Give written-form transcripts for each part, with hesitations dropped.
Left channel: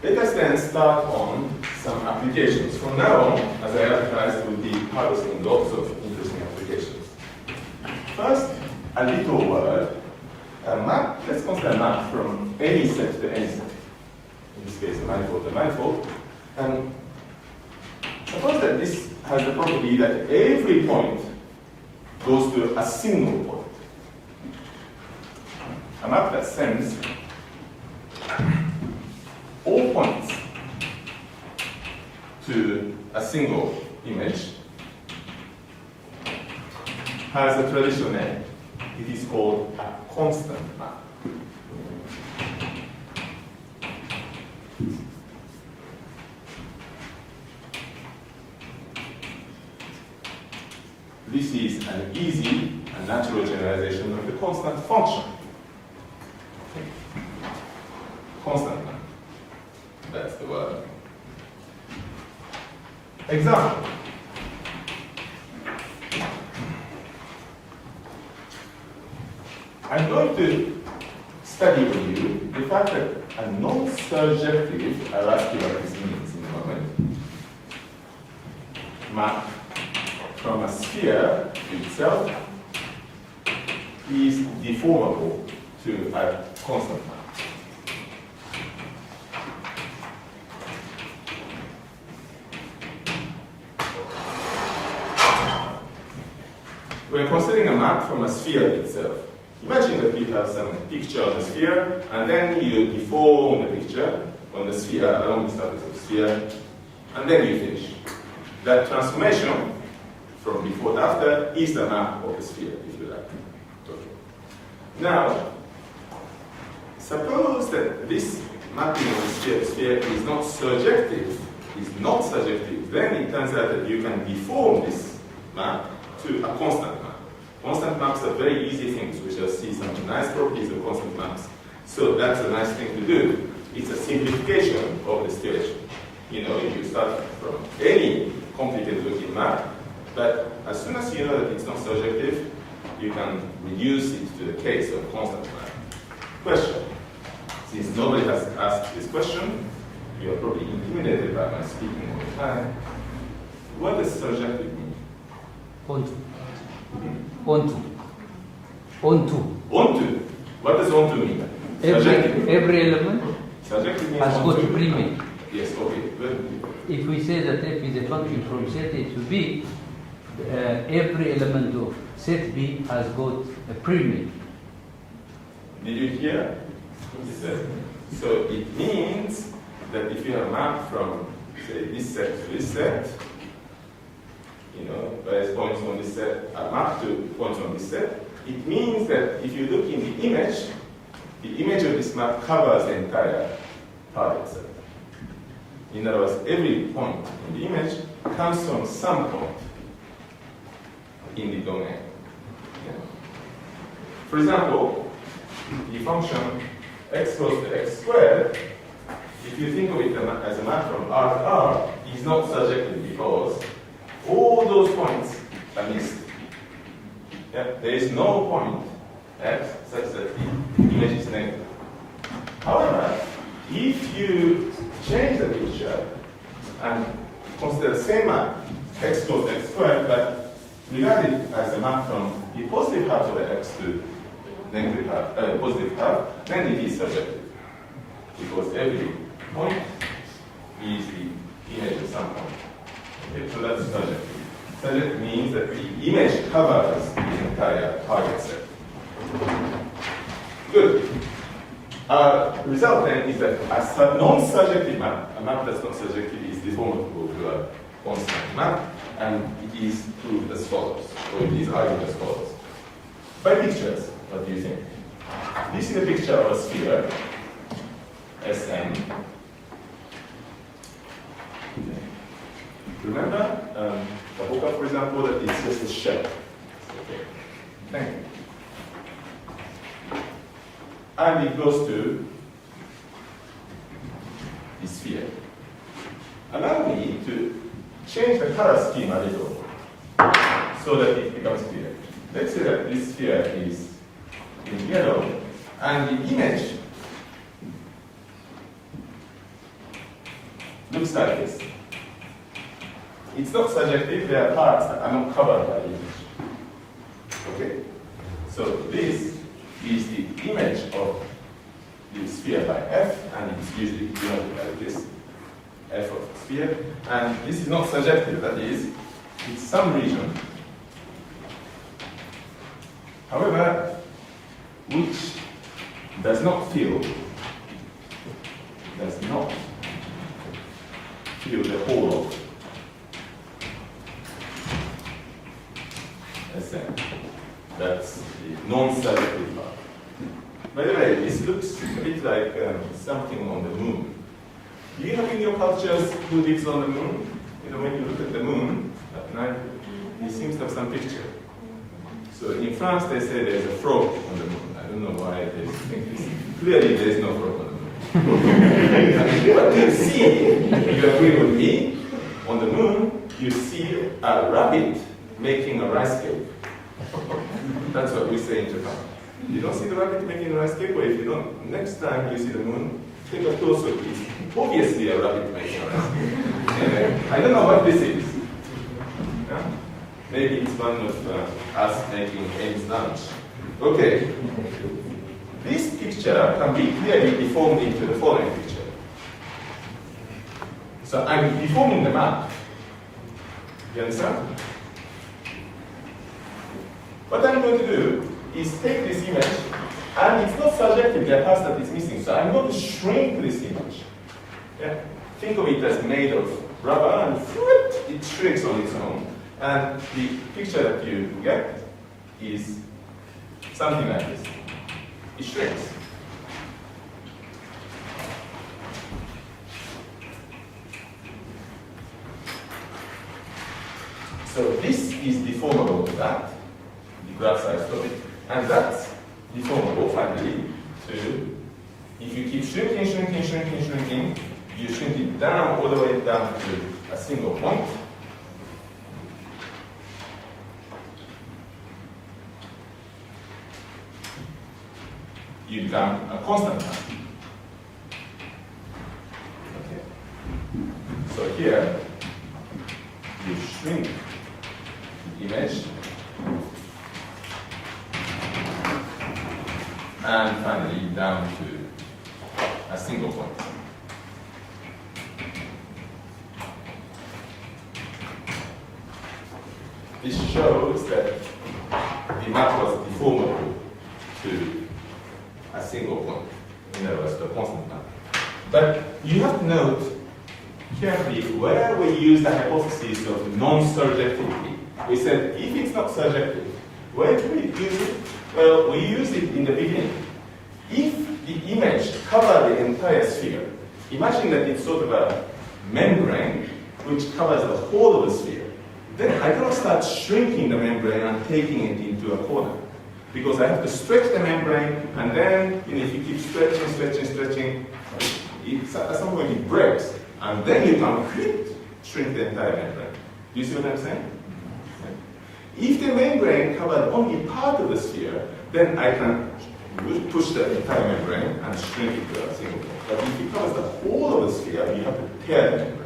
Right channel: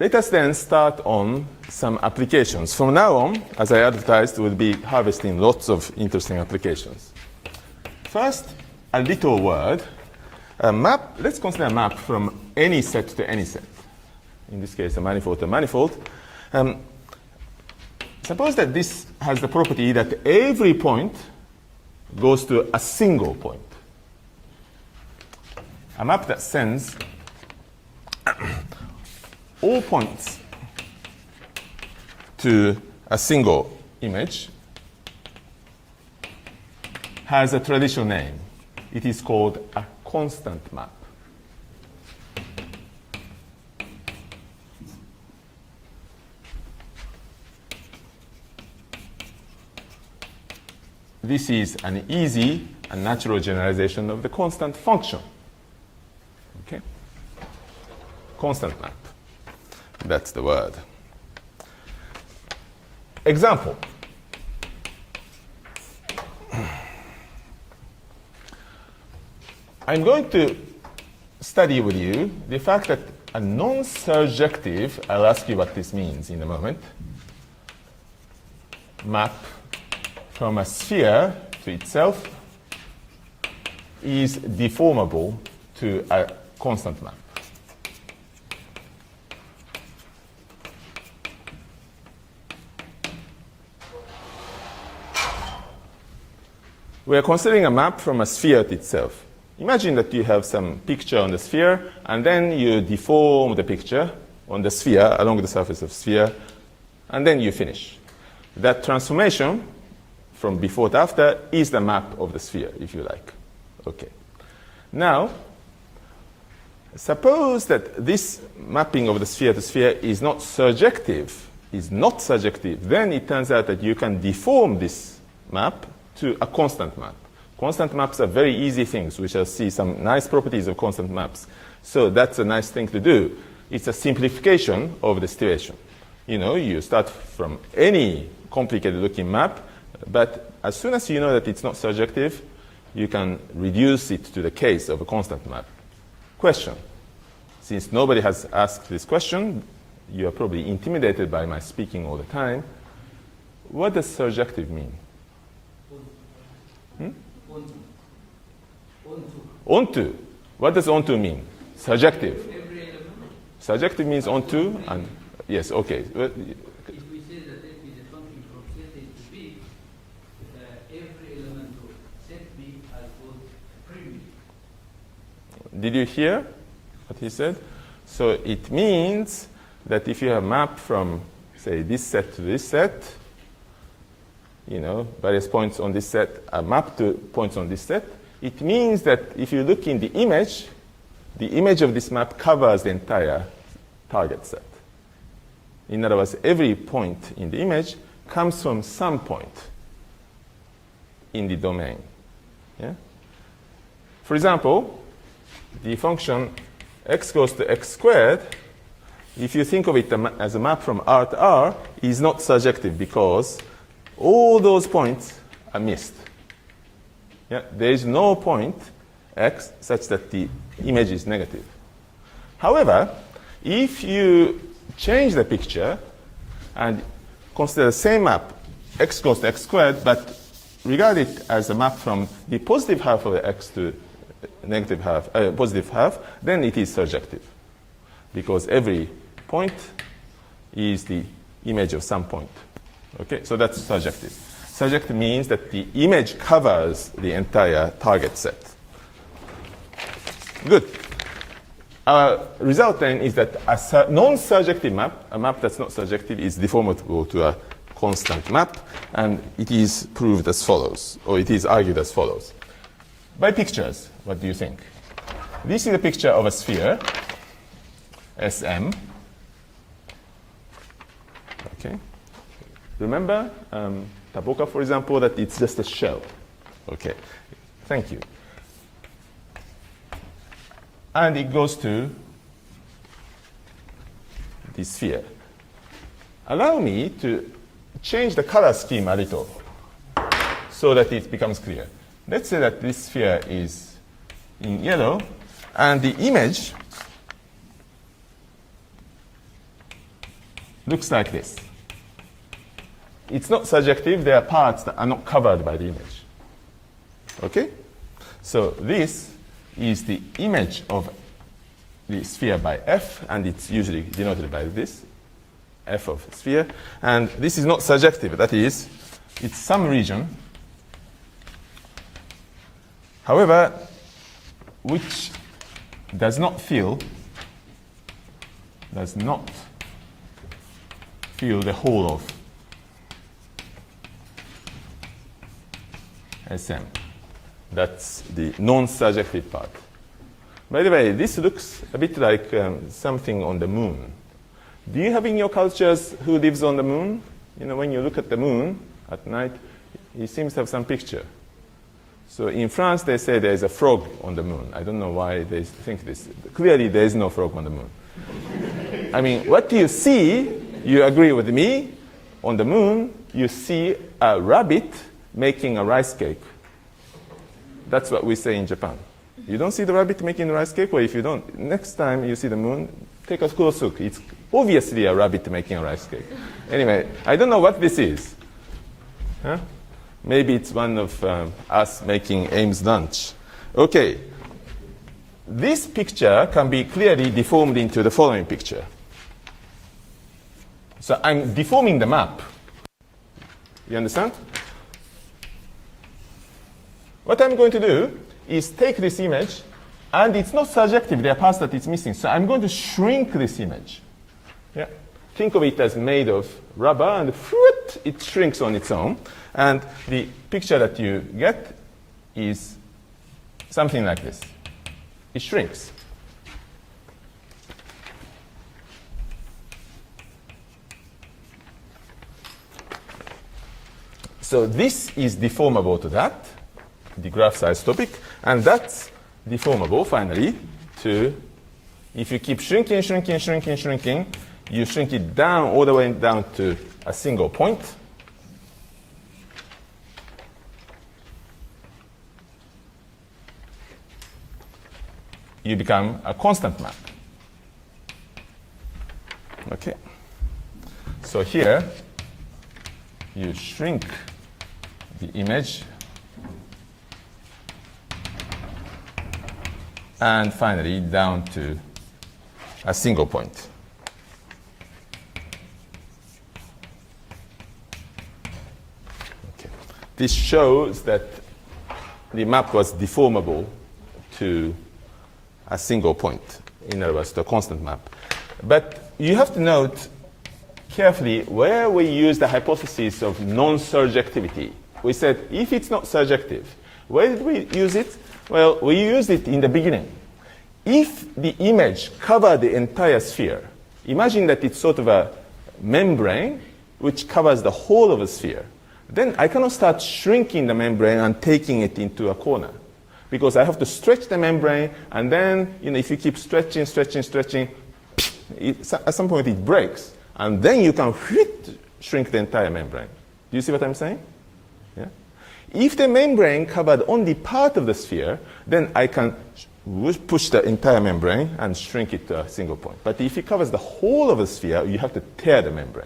let us then start on some applications. From now on, as I advertised, we'll be harvesting lots of interesting applications. First, a little word. A map, let's consider a map from any set to any set. In this case, a manifold to a manifold. Suppose that this has the property that every point goes to a single point. A map that sends all points to a single image has a traditional name. It is called a constant map. This is an easy and natural generalization of the constant function. Okay. Constant map. That's the word. Example. I'm going to study with you the fact that a non-surjective, I'll ask you what this means in a moment, map from a sphere to itself is deformable to a constant map. We are considering a map from a sphere to itself. Imagine that you have some picture on the sphere, and then you deform the picture on the sphere along the surface of the sphere, and then you finish. That transformation from before to after is the map of the sphere, if you like. Okay. Now, suppose that this mapping of the sphere to sphere is not surjective, then it turns out that you can deform this map to a constant map. Constant maps are very easy things. We shall see some nice properties of constant maps. So that's a nice thing to do. It's a simplification of the situation. You know, you start from any complicated looking map, but as soon as you know that it's not surjective, you can reduce it to the case of a constant map. Question. Since nobody has asked this question, you are probably intimidated by my speaking all the time. What does surjective mean? Onto. Onto. Onto. What does onto mean? Surjective. Every element. Surjective means has onto. got premium. Yes, okay. If we say that f is a function from set A to B, every element of set B has got a premium. Did you hear what he said? So it means that if you have mapped from, say, this set to this set, you know, various points on this set are mapped to points on this set, it means that if you look in the image of this map covers the entire target set. In other words, every point in the image comes from some point in the domain. Yeah? For example, the function x goes to x squared, if you think of it as a map from R to R, is not surjective because all those points are missed. Yeah? There is no point x such that the image is negative. However, if you change the picture and consider the same map, x goes to x squared, but regard it as a map from the positive half of the x to negative half, positive half, then it is surjective. Because every point is the image of some point. Okay, so that's surjective. Surjective means that the image covers the entire target set. Good. Result then is that a non-surjective map, a map that's not surjective, is deformable to a constant map, and it is proved as follows, or it is argued as follows. By pictures, what do you think? This is a picture of a sphere, Sm. Okay. Remember, Taboka, for example, that it's just a shell. Okay. Thank you. And it goes to the sphere. Allow me to change the color scheme a little so that it becomes clear. Let's say that this sphere is in yellow, and the image looks like this. It's not surjective, there are parts that are not covered by the image. Okay? So this is the image of the sphere by F, and it's usually denoted by this, F of sphere. And this is not surjective, that is, it's some region, however, which does not fill the whole of Sm. That's the non-surjective part. By the way, this looks a bit like something on the moon. Do you have in your cultures who lives on the moon? You know, when you look at the moon at night, it seems to have some picture. So in France, they say there is a frog on the moon. I don't know why they think this. Clearly, there is no frog on the moon. I mean, what you see, you agree with me, on the moon, you see a rabbit making a rice cake. That's what we say in Japan. You don't see the rabbit making a rice cake, or if you don't, next time you see the moon, take a close look. It's obviously a rabbit making a rice cake. Anyway, I don't know what this is. Huh? Maybe it's one of us making Ames lunch. Okay. This picture can be clearly deformed into the following picture. So I'm deforming the map. You understand? What I'm going to do is take this image, and it's not surjective, there are parts that it's missing. So I'm going to shrink this image. Yeah? Think of it as made of rubber, and it shrinks on its own. And the picture that you get is something like this. It shrinks. So this is deformable to that, the graph size topic, and that's deformable finally to, if you keep shrinking, you shrink it down all the way down to a single point. You become a constant map. Okay. So here you shrink the image, and finally down to a single point. This shows that the map was deformable to a single point, in other words, to a constant map. But you have to note carefully where we use the hypothesis of non-surjectivity. We said if it's not surjective, where did we use it? Well, we used it in the beginning. If the image covered the entire sphere, imagine that it's sort of a membrane which covers the whole of the sphere. Then I cannot start shrinking the membrane and taking it into a corner, because I have to stretch the membrane, and then if you keep stretching, at some point it breaks, and then you can shrink the entire membrane. Do you see what I'm saying? Yeah. If the membrane covered only part of the sphere, then I can push the entire membrane and shrink it to a single point. But if it covers the whole of the sphere, you have to tear the membrane.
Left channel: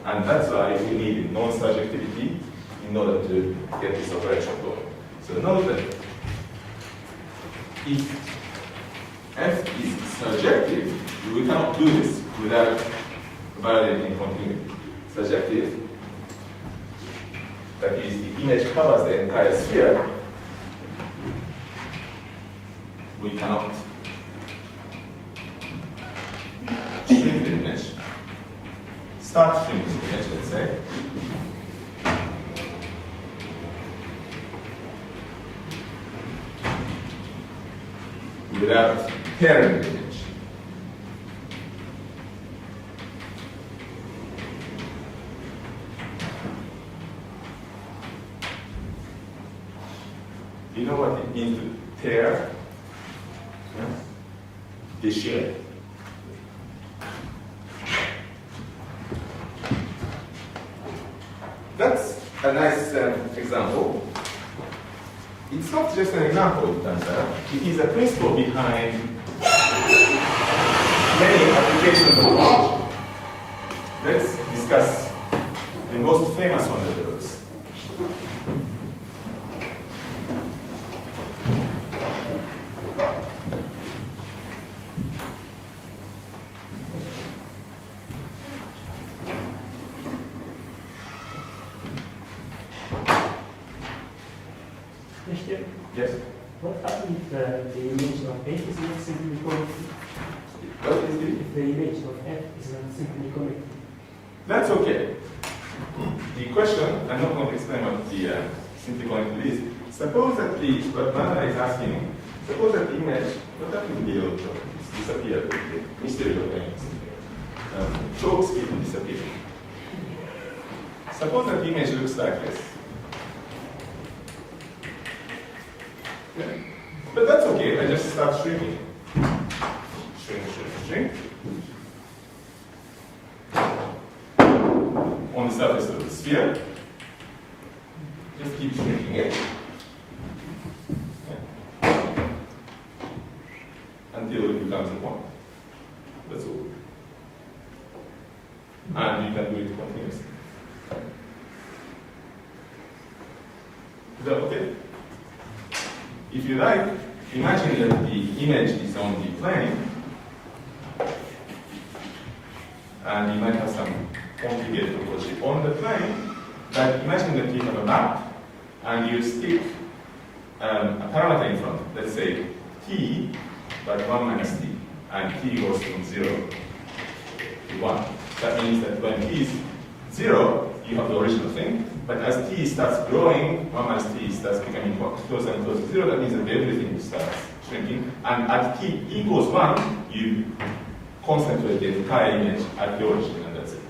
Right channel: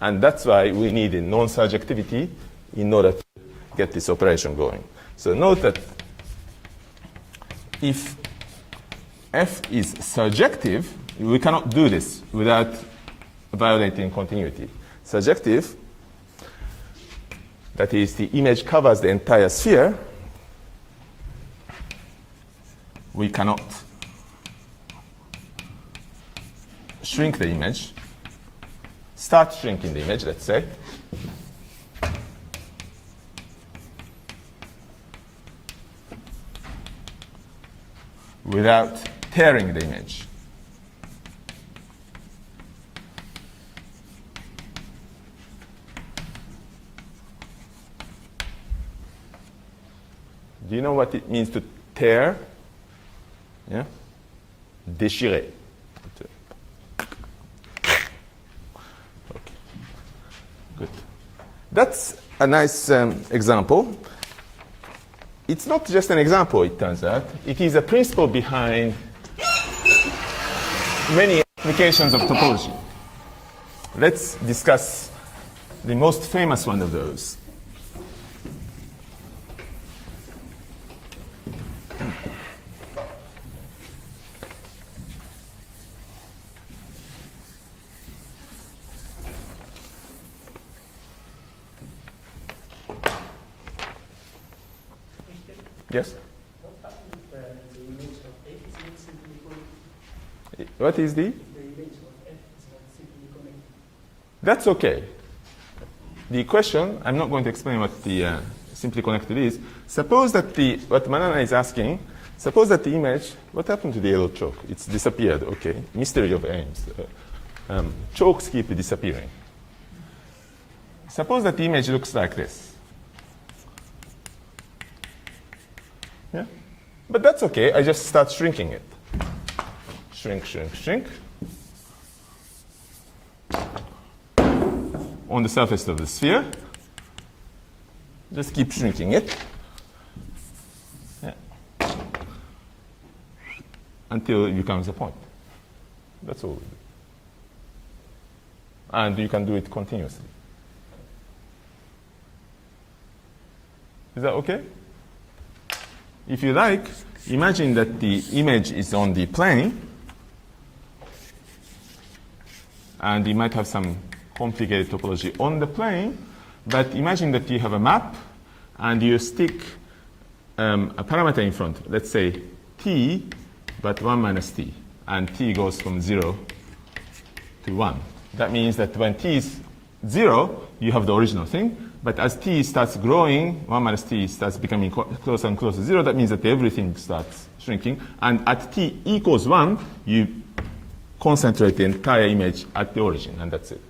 And that's why we need non-surjectivity in order to get this operation going. So note that if F is surjective, we cannot do this without violating continuity. Surjective, that is, the image covers the entire sphere, we cannot shrink the image, start shrinking the image, let's say, without tearing the image. Do you know what it means to tear? Yeah? Déchirer. Good. That's a nice example. It's not just an example, it turns out. It is a principle behind many applications of topology. let's discuss the most famous one of those. Question. Yes? What happens if the image of F is not simply connected? What is the? If the image of F is not simply connected. That's okay. The question, I'm not going to explain what the simply connected is. Suppose that what Manana is asking, suppose that the image, what happened to the yellow chalk? It's disappeared, okay. Mystery of aims. Chalks keep disappearing. Suppose that the image looks like this. Yeah. But that's okay, I just start shrinking it. Shrink, shrink, shrink. On the surface of the sphere. Just keep shrinking it. Yeah. Until it becomes a point. That's all. And you can do it continuously. Is that okay? If you like, imagine that the image is on the plane, and you might have some complicated topology on the plane, but imagine that you have a map, and you stick a parameter in front, let's say t, but 1 minus t, and t goes from 0 to 1. That means that when t is 0, you have the original thing, but as t starts growing, 1 minus t starts becoming closer and closer to 0, that means that everything starts shrinking, and at t equals 1, you concentrate the entire image at the origin, and that's it.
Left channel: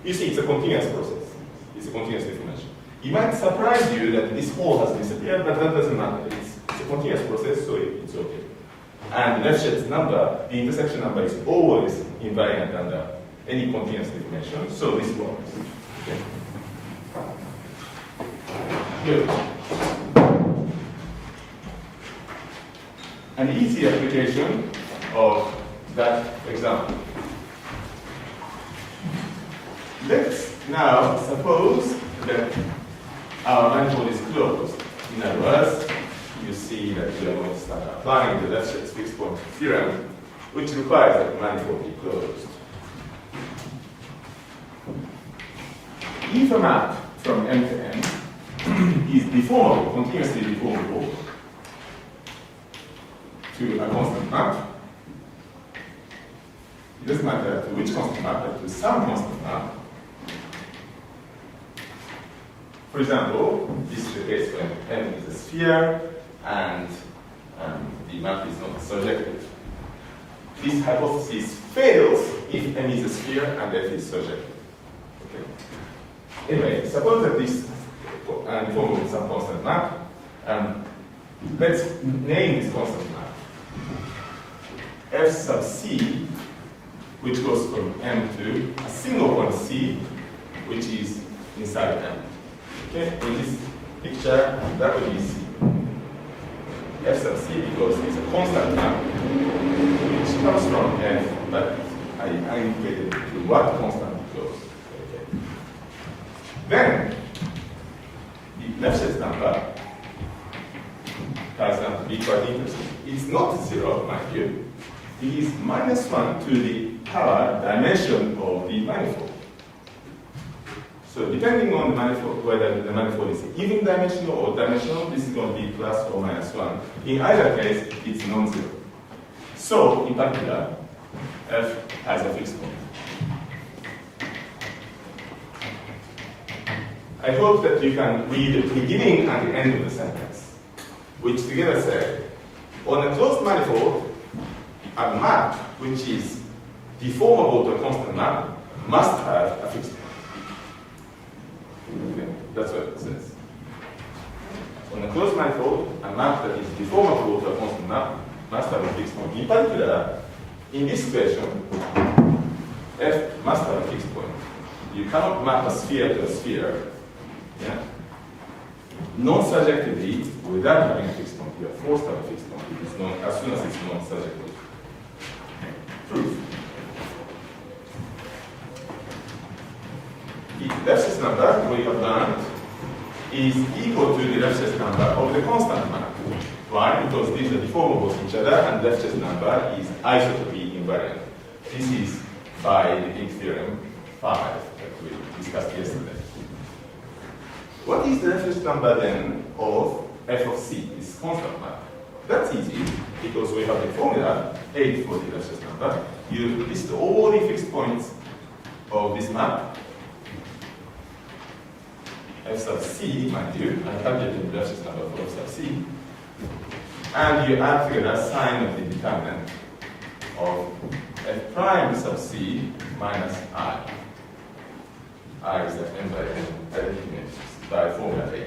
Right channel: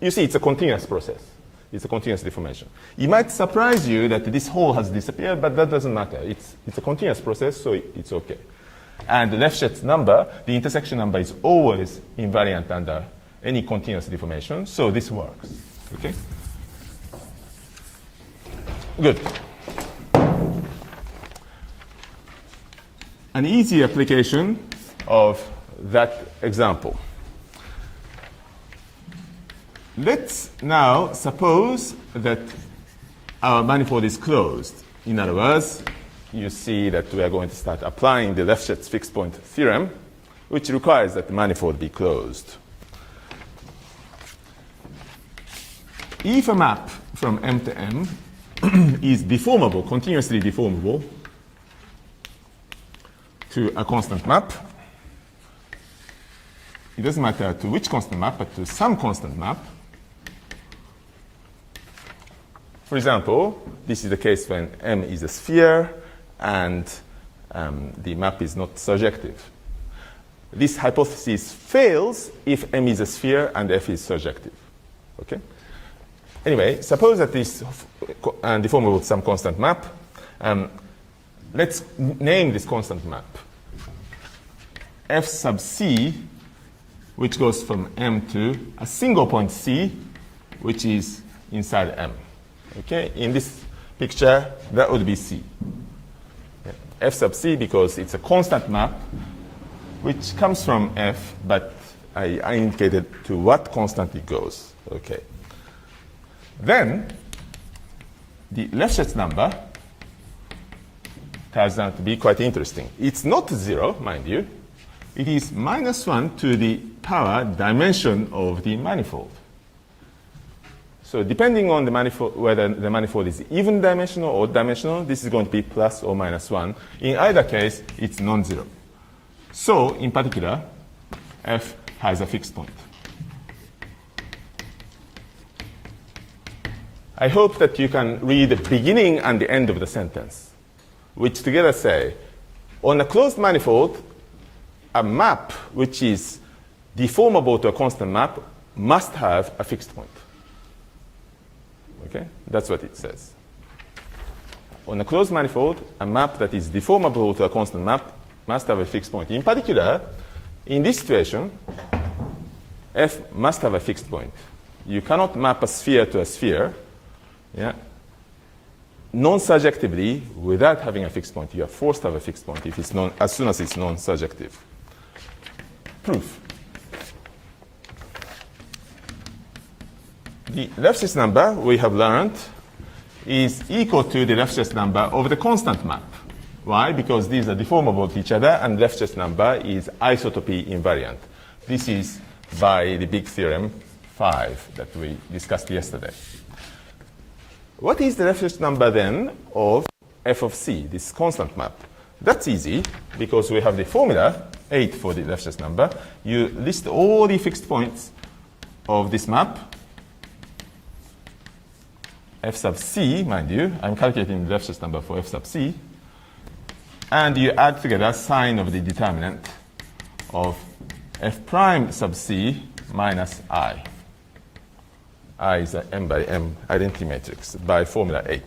You see, it's a continuous process. It's a continuous deformation. It might surprise you that this hole has disappeared, but that doesn't matter. It's a continuous process, so it's okay. And the Lefschetz number, the intersection number, is always invariant under any continuous deformation, so this works. Okay? Good. An easy application of that example. Let's now suppose that our manifold is closed. In other words, you see that we are going to start applying the Lefschetz fixed point theorem, which requires that manifold be closed. If a map from M to M is deformable, continuously deformable to a constant map, it doesn't matter to which constant map, but to some constant map. For example, this is the case when M is a sphere and the map is not surjective. This hypothesis fails if M is a sphere and F is surjective. Okay? Anyway, suppose that this deformable with some constant map. Let's name this constant map F sub C, which goes from M to a single point C, which is inside M. Okay, in this picture, that would be C. F sub C because it's a constant map, which comes from F, but I indicated to what constant it goes. Okay. Then, the Lefschetz number turns out to be quite interesting. It's not 0, mind you. It is -1 to the power dimension of the manifold. So depending on the manifold, whether the manifold is even dimensional or odd dimensional, this is going to be plus or -1. In either case, it's non-zero. So, in particular, F has a fixed point. I hope that you can read the beginning and the end of the sentence, which together say, on a closed manifold, a map which is deformable to a constant map must have a fixed point. Okay, that's what it says. On a closed manifold, a map that is deformable to a constant map must have a fixed point. In particular, in this situation, F must have a fixed point. You cannot map a sphere to a sphere, yeah, non-surjectively without having a fixed point. You are forced to have a fixed point if it's as soon as it's non-surjective. Proof. the Lefschetz number we have learned is equal to the Lefschetz number of the constant map. Why? Because these are deformable of each other, and Lefschetz number is isotopy invariant. This is by the big theorem 5 that we discussed yesterday. What is the Lefschetz number then of f of c, this constant map? That's easy, because we have the formula 8 for the Lefschetz number. You list all the fixed points of this map, f sub c, mind you, I'm calculating the Lefschetz number for f sub c, and you add together sign of the determinant of f prime sub c minus I. I is an m by m identity matrix by formula 8.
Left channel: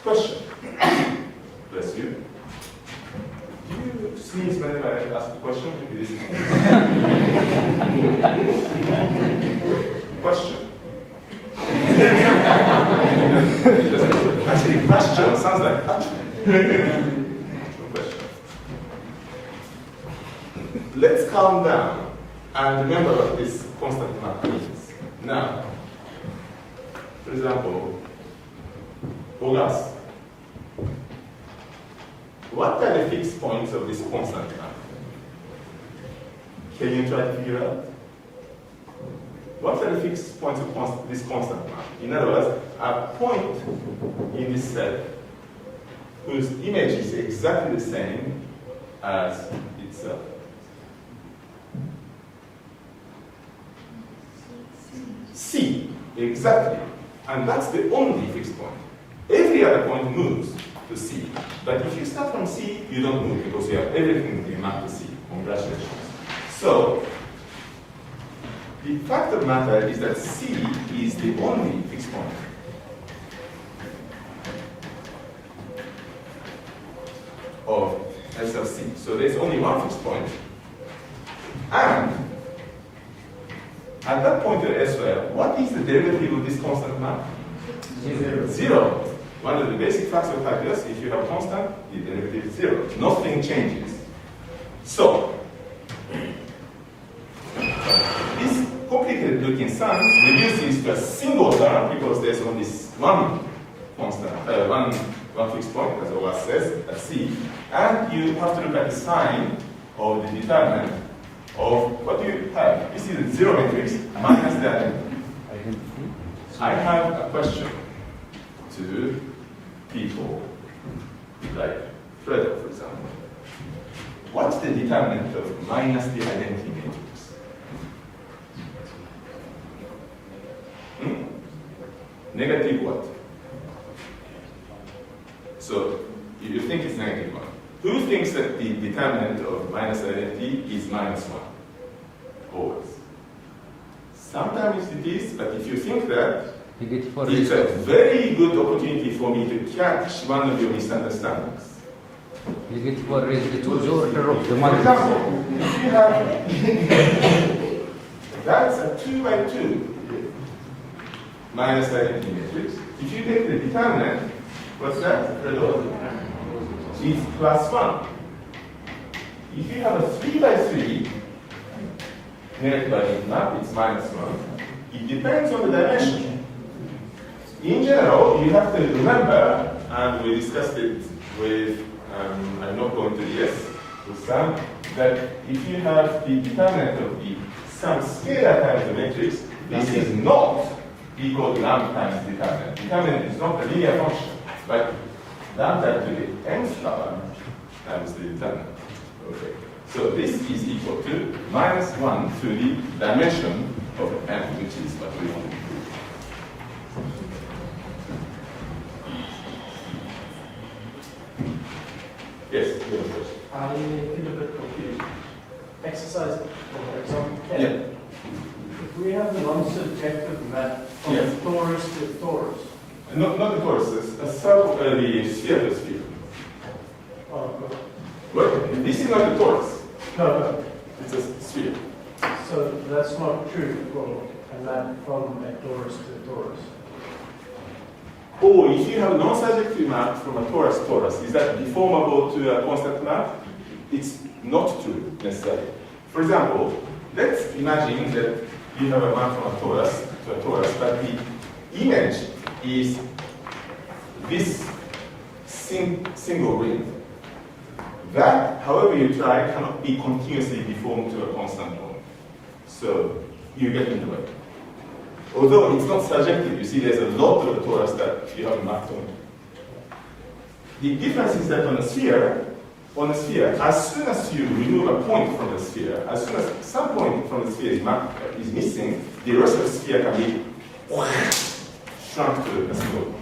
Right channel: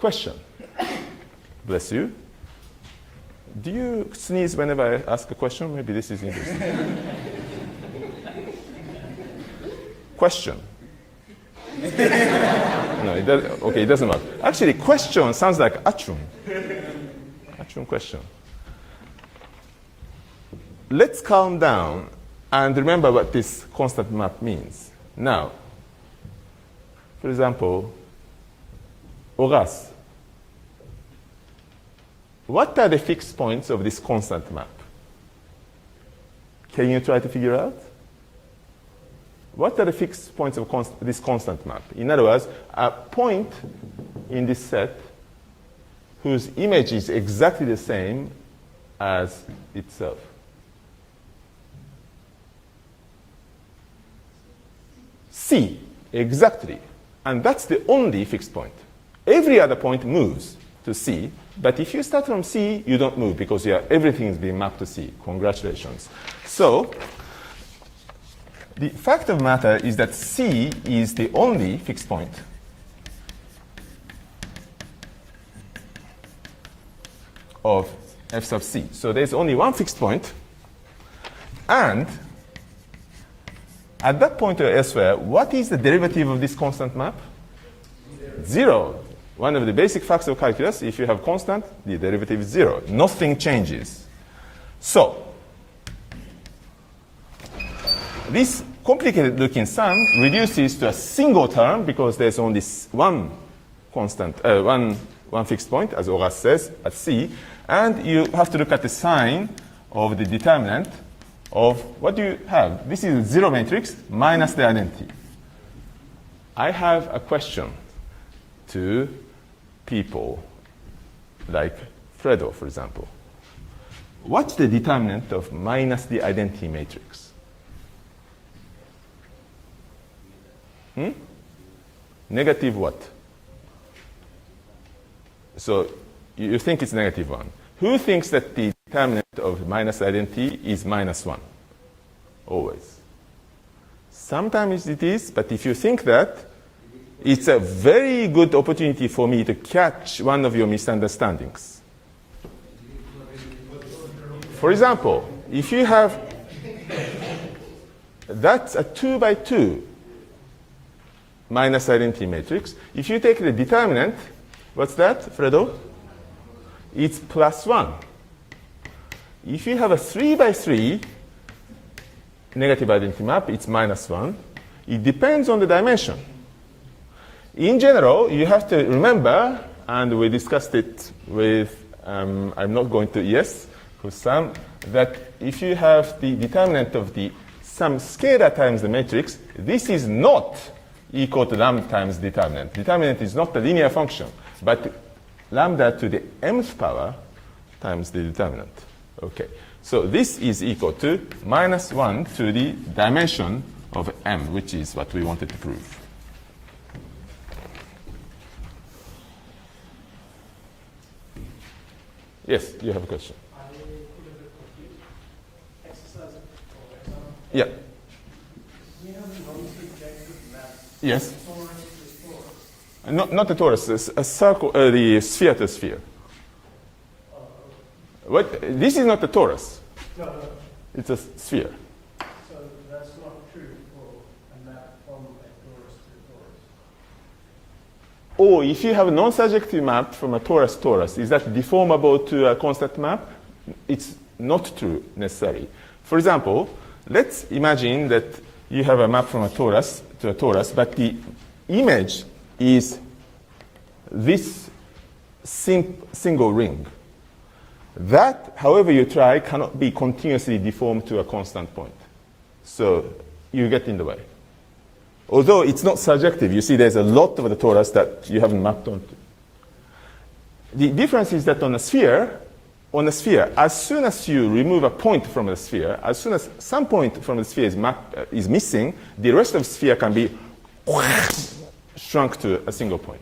Question. Bless you. Do you sneeze whenever I ask a question? Maybe this is interesting. Question. Okay, it doesn't matter. Actually, question sounds like achum. Achum question. Let's calm down and remember what this constant map means. Now, for example, Horace. What are the fixed points of this constant map? Can you try to figure out? What are the fixed points of this constant map? In other words, a point in this set whose image is exactly the same as itself. C, exactly. And that's the only fixed point. Every other point moves to C, but if you start from C, you don't move because everything is being mapped to C. Congratulations. So, the fact of the matter is that C is the only fixed point. Of f sub C. So there's only one fixed point, and at that point or elsewhere, what is the derivative of this constant map? Zero. One of the basic facts of calculus, if you have constant, the derivative is zero. Nothing changes. So, this complicated looking sum reduces to a single term because there's only one constant, one fixed point, as Horace says, at C, and you have to look at the sign of the determinant of what do you have? This is a zero matrix minus the identity. I have a question to people like Fredo, for example. What's the determinant of minus the identity matrix? Negative what? So you think it's negative 1. Who thinks that the determinant of minus identity is minus 1? Always. Sometimes it is, but if you think that, it's a very good opportunity for me to catch one of your misunderstandings. For example, if you have, that's a 2 by 2 minus identity matrix. If you take the determinant, what's that, Fredo? It's plus 1. If you have a 3 by 3 negative identity map, it's minus 1. It depends on the dimension. In general, you have to remember, and we discussed it with, I'm not going to yes, with Sam, that if you have the determinant of the sum scalar times the matrix, this is not equal to lambda times determinant. Determinant is not a linear function, but lambda to the mth power times the determinant. Okay, so this is equal to minus 1 to the dimension of m, which is what we wanted to prove. Yes, you have a question. I feel a bit confused. Exercise, for example. Yeah. If we have a non-subjective map from Yes. torus to torus. Not the torus, it's a circle, the sphere to sphere. Oh, What? This is not a torus. no. It's a sphere. So that's not true for a map from a torus to a torus. Or if you have a non-surjective map from a torus, is that deformable to a constant map? It's not true necessarily. For example, let's imagine that you have a map from a torus to a torus, but the image is this single ring. That, however you try, cannot be continuously deformed to a constant point. So you get in the way. Although it's not surjective, you see there's a lot of the torus that you haven't mapped on. The difference is that on a sphere, as soon as you remove a point from the sphere, as soon as some point from the sphere is missing, the rest of the sphere can be shrunk to a single point.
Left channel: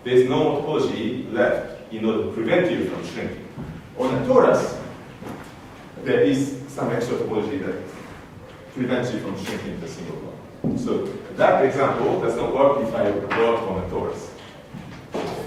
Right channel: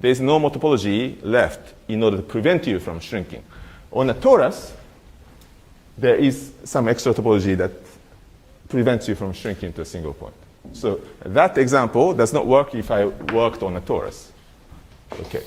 There's no more topology left in order to prevent you from shrinking. On a torus, there is some extra topology that prevents you from shrinking to a single point. So that example does not work if I worked on a torus. Okay.